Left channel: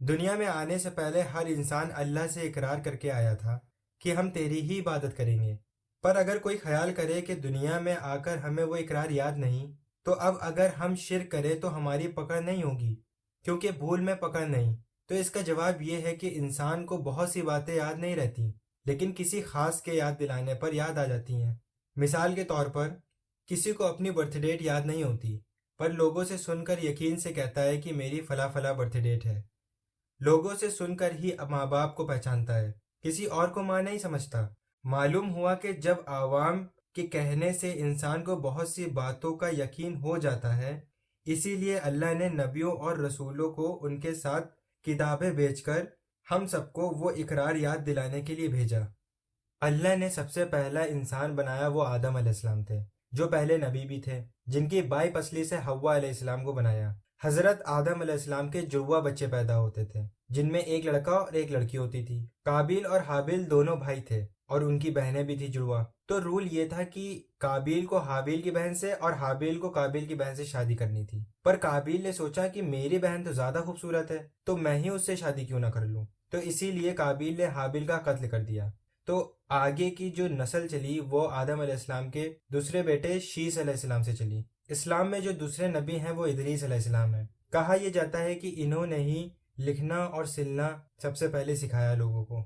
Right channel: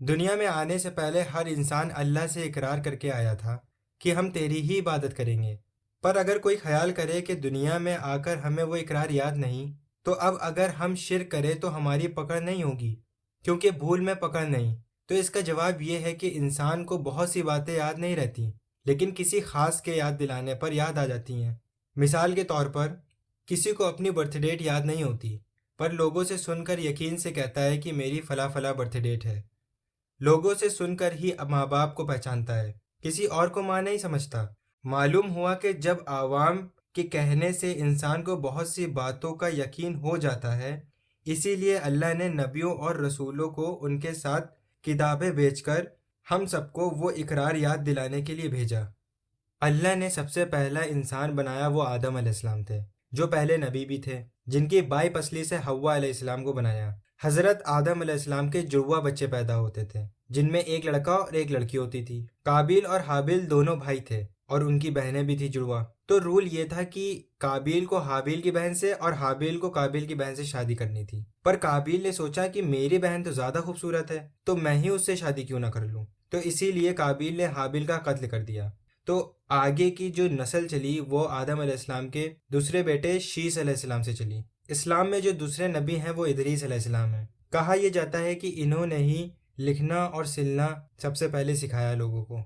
دنیا میں آنے سے پہلے ہر انسان اللہ سے اقرار کر کے آیا تھا کہ ہم تیری ہی عبادت کریں گے۔ پر اگر کوئی خیال کرے کہ دنیا میں آ کر ہمیں وہ اقرار یاد نہیں، تو اب اگر ہم شرک کریں تو ہماری پکڑ نہیں ہوگی، کیونکہ بھول میں پکڑ نہیں۔ تو اس کا جواب یہ ہے کہ انسان کو بہت سی باتیں یاد نہیں رہتی، لیکن کسی خاص کے یاد دلانے پر یاد آ جاتی ہیں۔ مثال کے طور پر کسی کو اپنی برتھ ڈیٹ یاد نہیں ہوتی، پر لوگوں سے سن کر یقین سے کہتا ہے کہ میری فلاں فلاں برتھ ڈیٹ ہے۔ لوگوں سے سن کر ہی ماں باپ کو پہچانتا ہے، کسی اور کو ماں نہیں سمجھتا۔ معلوم ہوا کہ جب عوام کے کہنے سے انسان کو بہت سی باتوں کا یقین ہو جاتا ہے، اسی لیے اللہ نے نبیوں اور رسولوں کو ان کے ساتھ کتابیں بھیج کر ہم سب کو وہ اقرار یاد دلانے کے لیے بھیجا۔ اللہ نے سب سے پہلا انسان بنایا وہ آدم علیہ السلام تھے، جو پہلے نبی بھی تھے، جن کی بائی پسلی سے حوا علیہ السلام کو بنایا۔ حضرت آدم علیہ السلام کے جڑواں بچے پیدا ہوتے تھے، جن میں ایک لڑکا اور ایک لڑکی ہوتی تھی۔ قابیل اور حابیل دونوں بھائی تھے، اور ان کی بہنیں بھی تھی جڑواں۔ تو رول یہ تھا کہ قابیل کو حابیل کی بہن سے اور حابیل کو قابیل کی بہن سے شادی کرنی تھی۔ پر قابیل نے سوچا کہ میری بہن تو زیادہ خوبصورت ہے، تو میں ہی اس سے شادی کیوں نہ کر لوں۔ تو اسی لیے قابیل نے حابیل کا قتل کر دیا۔ تو آگے کی جو نسل چلی وہ آدم علیہ السلام کے دوسرے بیٹے شیس علیہ السلام سے چلی۔ اسلام میں جو دوسرے نبی ہیں وہ ادریس علیہ السلام ہیں۔ کہا یہ جاتا ہے کہ انہوں نے ہی لکھنا اور سلنا سب سے پہلے سکھایا لوگوں کو۔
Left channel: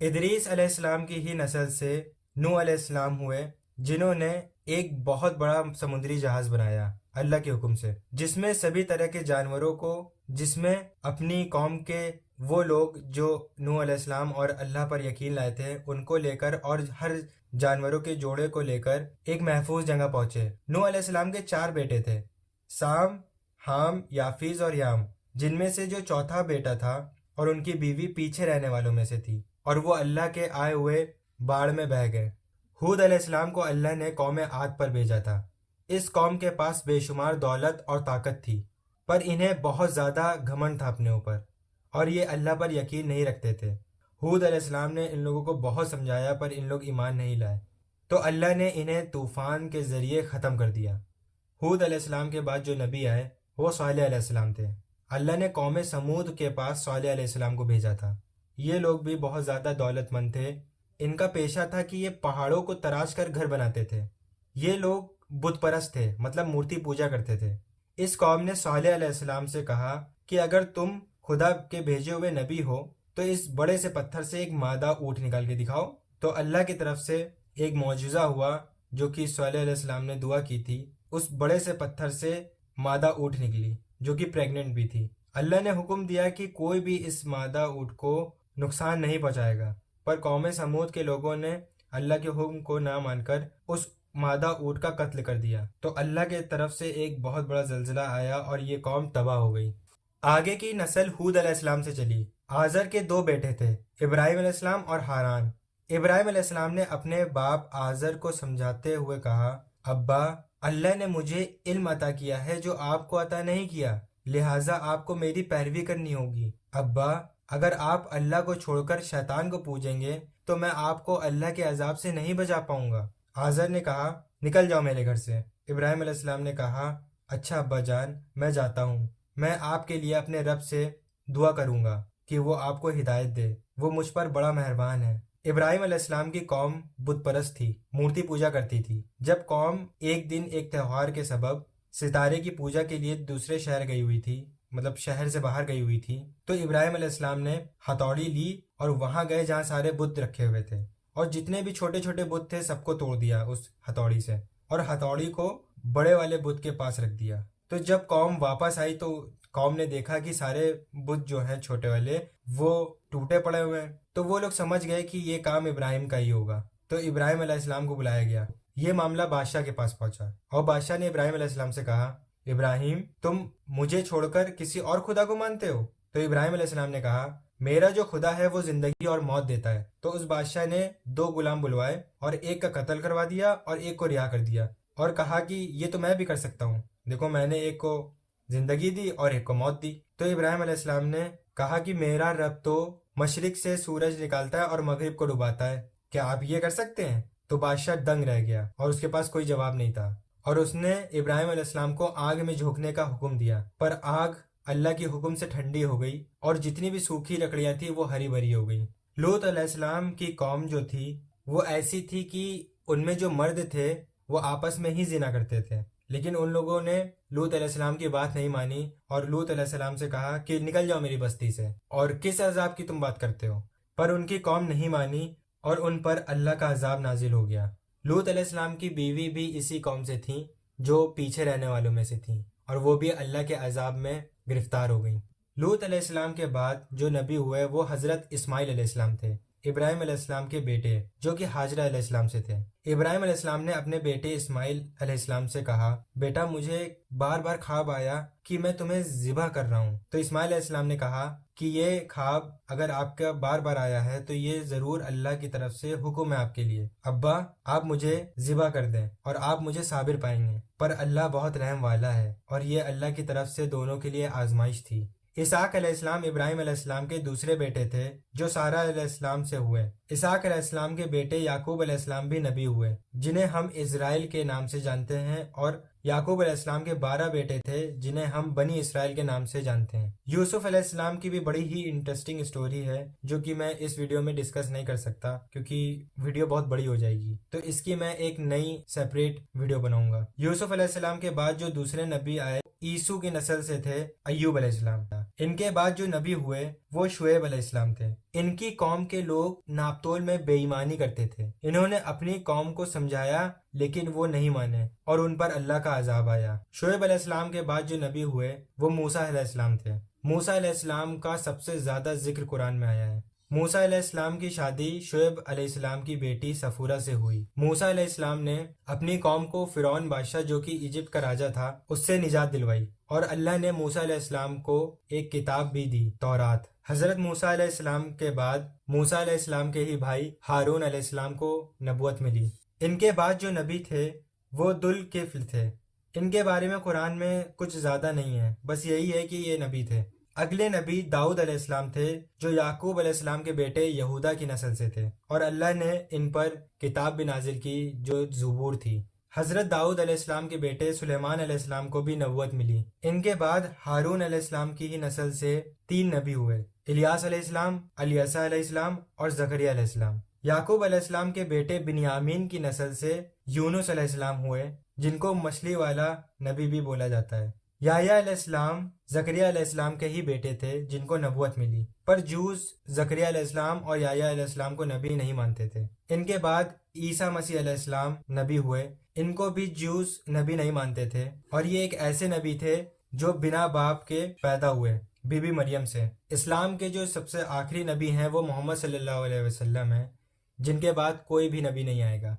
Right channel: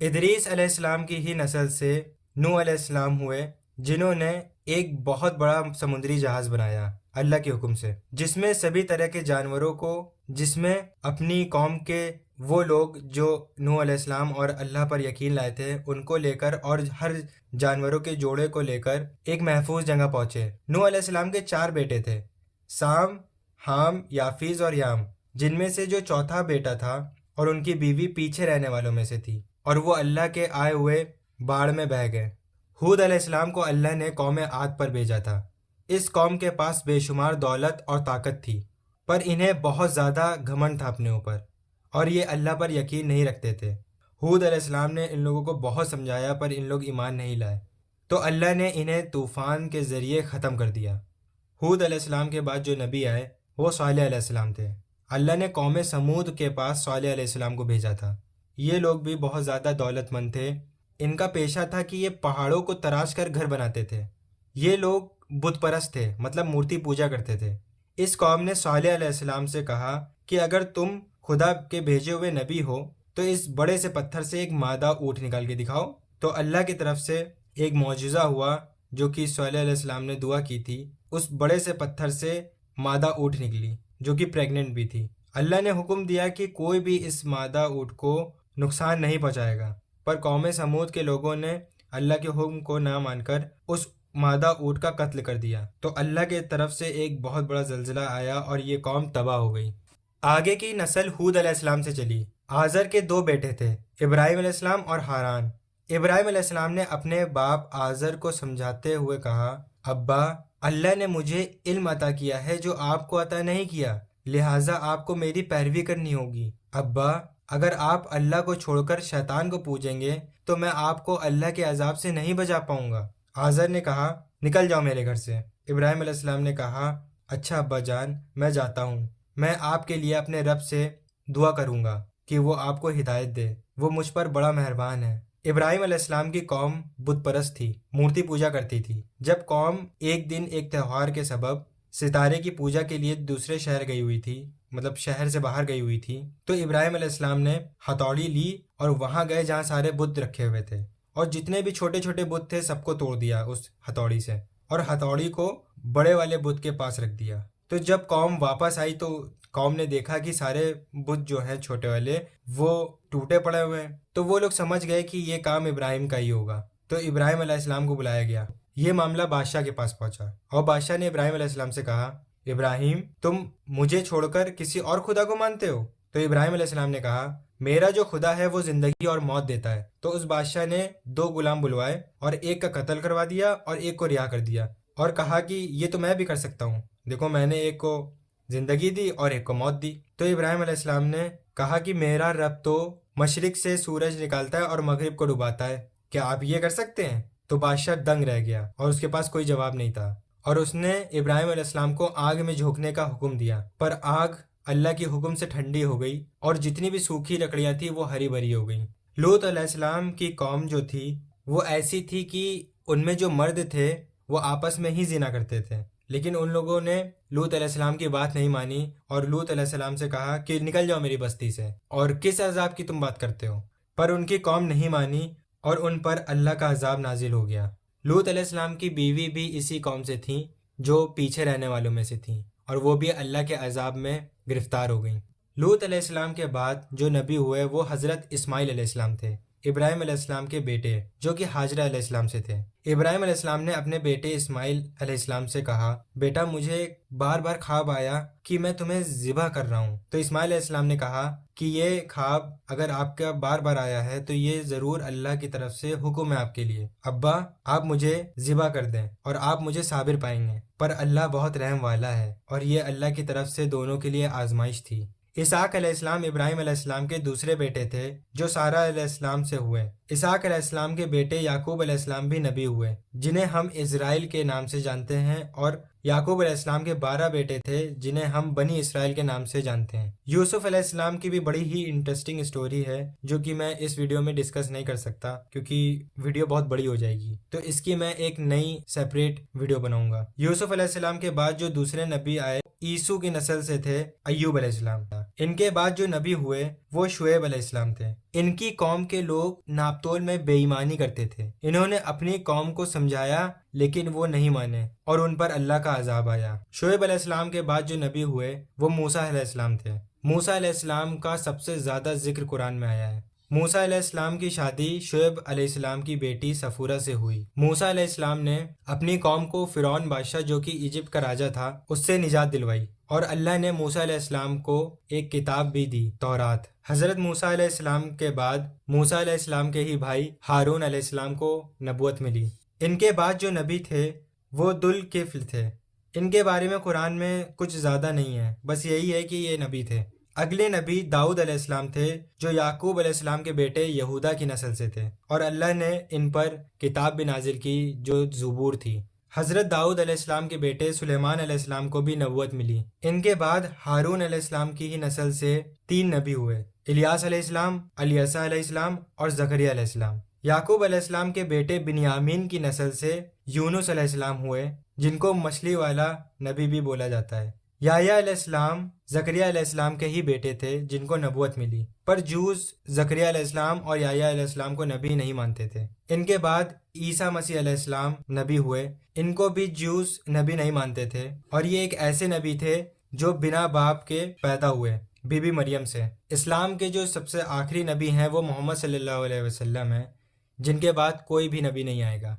ادریس علیہ السلام کی ہی نسل سے نوح علیہ السلام ہوئے، جنہوں نے ایک بہت بڑا سمندری جہاز بنایا اللہ کے حکم سے، جس میں سبھی طرح کے جانوروں کو، جس میں اپنی قوم کے وہ لوگ جو نوح علیہ السلام اور اللہ پر یقین لائے تھے ان کو لے کر، اور ہر جانوروں کے جوڑے کو لے کر ایک محفوظ جگہ پہنچے۔ نوح علیہ السلام کے 4 بیٹے تھے، سام، حام، یافیز اور یام، جن میں سے جو چوتھا بیٹا تھا اور ان کی بیوی پیچھے رہنے والوں میں سے تھی، اور وہ اللہ کے آئے ہوئے باڑ میں بہہ گئے۔ ہود علیہ السلام کو اللہ نے قوم عاد پر بھیجا تھا۔ اس قوم کے پاس بے شمار دولت اور طاقت تھی، پر انہیں بہت زیادہ گھمنڈ تھا اپنے اوپر، اور یہ اللہ پر یقین نہیں رکھتے تھے۔ ہود علیہ السلام نے ان لوگوں کو بہت سمجھایا، پر ان لوگ ایمان نہیں لائے، تو اللہ نے انہیں طوفان کے ذریعے ختم کر دیا۔ ہود علیہ السلام کے بعد جو نبی آئے وہ صالح علیہ السلام تھے۔ اللہ نے قوم سمود کے پاس صالح علیہ السلام کو بھیجا تھا۔ یہ لوگ بھی بہت زیادہ دولت مند تھے۔ ان کا پیشہ تھا کہ یہ پہاڑوں کو تراش کر گھر بناتے تھے۔ یہ لوگ بت پرست تھے، مطلب مورتی پوجا کرتے تھے۔ اس قوم نے صالح علیہ السلام سے کہا کہ اگر تم خدا کے بھیجے ہوئے نبی ہو تو اس بڑے سے پتھر سے ایک مادہ اونٹ نکال کے دکھاؤ۔ تو اللہ کی طرف سے ایک معجزہ ہوا، جو کہ صالح علیہ السلام نے دعا کی تھی۔ اس بڑے سے پتھر سے مادہ اونٹ نکلی، جو کہ پریگننٹ بھی تھی۔ اللہ نے حکم دیا کہ کوئی بھی اس مادہ اونٹ کو نقصان نہیں پہنچائے گا، پر قوم سمود کے لوگوں نے اللہ کے حکم کو نہ مان کر اس مادہ اونٹ کا قتل کر دیا۔ تو اللہ کے طرف سے ایک بہت بڑا زلزلہ آیا اور یہ قوم تباہ ہو گئی۔ آگے کی نسل ہود علیہ السلام سے چلی۔ آزر کے 2 بیٹے تھے، ابراہیم علیہ السلام اور ہاران۔ ابراہیم علیہ السلام نے اپنے باپ آزر کو سمجھاتے ہوئے کہا، ابا، اللہ نے مجھے علم عطا کیا ہے جو آپ کو عطا نہیں کیا، لہٰذا آپ کو میری پیروی کرنی ہوگی۔ ابا، اگر آپ اللہ کو چھوڑ کر شیطان کو پوجیں گے تو میں آپ کو اللہ کے عذاب سے نہیں بچا پاؤں گا۔ آزر نے کہا، نکل جاؤ میرے گھر سے۔ ابراہیم علیہ السلام نے کہا، اچھا ابا جان، میں جاتا ہوں۔ میں آپ کے لیے اپنے رب سے دعا کروں گا کہ وہ آپ کو ہدایت دے، وہ مجھ پر بڑا مہربان ہے۔ ابراہیم علیہ السلام کی قوم بت پرست تھی، مورتی پوجا کرتی تھی۔ جب قوم ایک دن ایک تہوار کے سبب ستارے کی پوجا کے لیے دوسرے شہر گئی ہوئی تھی، مطلب شہر سے باہر گئی ہوئی تھی، تو ابراہیم علیہ السلام نے ہتھوڑی لی اور وہاں گئے جہاں سارے بت رکھے ہوئے تھے، اور جتنے بھی چھوٹے چھوٹے بت تھے سب کو توڑ دیا اس ہتھوڑی سے، اور ہتھوڑی کو بڑے والے بت کے پاس رکھ دیا۔ تو جب قوم واپس آئی تو قوم نے دیکھا کہ سارے بت جو ہیں چھوٹے والے وہ ٹوٹے پڑے ہوئے ہیں، تو وہ لوگ سمجھ گئے کہ یہ کام ابراہیم کا ہی ہوگا۔ تو ابراہیم علیہ السلام کو بلایا گیا۔ یہ معاملہ بادشاہ کے پاس پہنچا، اور بادشاہ نے ابراہیم علیہ السلام سے کہا، ابراہیم، تم مجھے چھوڑ کر کسی اور خدا کو مانتے ہو؟ تو ابراہیم علیہ السلام نے کہا، میرا جو خدا ہے وہ زندگی اور موت دیتا ہے۔ تو اس بادشاہ نے 2 غلام بلوائے اور ایک کا قتل کروا دیا اور ایک کو رہا کر دیا، اور کہا کہ یہ تو میں بھی کر سکتا ہوں، دیکھو میں نے ایک کو زندگی دی اور ایک کو موت دی۔ تو ابراہیم علیہ السلام نے کہا کہ میرا رب تو مشرق سے سورج نکالتا ہے اور مغرب کو ڈباتا ہے، کیا آپ یہ کر سکتے ہیں؟ تو بادشاہ دنگ رہ گیا اور اس کے پاس کوئی جواب نہیں تھا، اور اس نے ابراہیم علیہ السلام کو آگ میں جھونکنے کا حکم دیا، پر آگ اللہ کے حکم سے ٹھنڈی ہو گئی اور جتنی بھی سوکھی لکڑیاں تھیں وہ ہری بھری ہو گئیں۔ لوط علیہ السلام کی قوم جو تھی وہ ایسی تھی کہ ان میں جو مرد تھے وہ آپس میں ہی زنا کرتے تھے، لیکن ان لوگوں نے لوط علیہ السلام کی بات نہیں مانی اور لوط علیہ السلام سے کہا کہ نکل جاؤ میری بستی سے، اور کس عذاب کی تم بات کرتے ہو؟ پر ان کی قوم نہیں مانی اور ان پر اللہ کا عذاب نازل ہو گیا۔ لوط علیہ السلام کی بیوی بھی اسی قوم سے تھیں جو پیچھے رہنے والوں میں سے تھیں، اور وہ بھی اللہ کے عذاب میں گرفتار ہو گئیں۔ لوط علیہ السلام کے بعد جو نبی ہوئے وہ حضرت اسماعیل علیہ السلام تھے، ابراہیم علیہ السلام کے بیٹے جو کہ ہاجرہ علیہ السلام سے تھے۔ ابراہیم علیہ السلام نے اپنے بیٹے اسماعیل علیہ السلام سے کہا، بیٹا مجھے بار بار خواب آیا کہ میں تمہیں ذبح کر رہا ہوں۔ تو اسماعیل علیہ السلام نے کہا کہ یہ خواب اگر آپ کا بار بار آیا ہے تو یہ ضرور اللہ کی طرف سے حکم ہے آپ کے لیے۔ ابا آپ مجھے ذبح کر دیں اور آپ مجھے صابر پائیں گے، پر اللہ بہت رحم والا ہے، اور یہ اللہ کی طرف سے دونوں کے لیے آزمائش تھی۔ اسحاق علیہ السلام ابراہیم علیہ السلام کے دوسرے بیٹے تھے جو سارہ علیہ السلام سے ہوئے۔ اسحاق علیہ السلام کے بیٹے یعقوب علیہ السلام بھی نبی ہوئے جنہیں ہم اسرائیل کے نام سے جانتے ہیں، اور یعقوب علیہ السلام کے 12 بیٹے تھے جنہیں ہم بنی اسرائیل کے نام سے جانتے ہیں۔ یوسف علیہ السلام کی بھی بڑی ہی انٹرسٹنگ سٹوری ہے جو کہ میں اس ویڈیو میں ڈسکس نہیں کر سکتا کیونکہ ویڈیو بہت بڑی ہو جائے گی، تو اس کی میں ایک نئی سیپریٹ ویڈیو بناؤں گا۔ یوسف علیہ السلام کے بعد جو دوسرے نبی آئے عیسو کی نسل سے تھے ایوب علیہ السلام۔ ان کے بعد جو نبی ہوئے وہ شعیب علیہ السلام تھے۔ ان کی قوم کے لوگ ناپتول میں بے ایمانی کرتے تھے۔ انہوں نے اپنی قوم کو سمجھایا لیکن وہ نہیں مانے اور ان پر اللہ کا عذاب آیا۔ شعیب علیہ السلام کے بعد جو نبی ہوئے وہ موسیٰ علیہ السلام تھے۔ موسیٰ علیہ السلام کا سب سے زیادہ ذکر قرآن میں آیا ہے۔ موسیٰ علیہ السلام کی شادی شعیب علیہ السلام کی بیٹی صفورہ سے ہوئی۔ موسیٰ علیہ السلام نے اپنی قوم کو فرعون بادشاہ جو کہ ایجپٹ کا راجا تھا اس سے نجات دلوائی، اور اللہ نے موسیٰ علیہ السلام کو ایک کتاب بھی دی، تورات۔ حضرت موسیٰ علیہ السلام کے بعد موسیٰ علیہ السلام کے ہی بھائی ہارون علیہ السلام کو نبوت ملی۔ ان کے بعد جو نبی تھے وہ ذوالکفل تھے۔ ان کے بارے میں قرآن میں کچھ زیادہ نہیں ہے، بس یہی ہے کہ یہ نبی تھے۔ اگلے نبی داؤد علیہ السلام تھے جو یعقوب علیہ السلام کے بیٹے یہودا کی نسل سے تھے، اور اللہ نے ان پر کتاب بھی نازل کی جو زبور تھی۔ حضرت داؤد علیہ السلام کے بیٹے سلیمان علیہ السلام کو بھی نبوت ملی۔ ان کے بعد ہارون علیہ السلام کی ہی نسل سے 3 نبی ہوئے، الیاس علیہ السلام، الیسع علیہ السلام اور زکریا علیہ السلام۔ یعقوب علیہ السلام کے بیٹے بنیامین کی نسل سے یونس علیہ السلام ہوئے جن کو مچھلی والا نبی بھی بولا جاتا ہے۔ یحییٰ علیہ السلام زکریا علیہ السلام کے ہی بیٹے تھے جن کو نبوت ملی، پر جوز زکریا علیہ السلام اور یحییٰ علیہ السلام کو نبی نہیں مانتے تھے۔ ان کے بعد عیسیٰ مسیح علیہ السلام نبی ہوئے، ان کو بھی جوز نبی نہیں مانتے تھے، اور یہ ایک ایسے نبی تھے جو بنا باپ کے پیدا ہوئے بی بی مریم سے۔ اسلام کے جو سب سے آخری نبی ہیں وہ محمد صلی اللہ علیہ وسلم ہیں، جن کے بعد کوئی بھی نبی نہیں آئے گا۔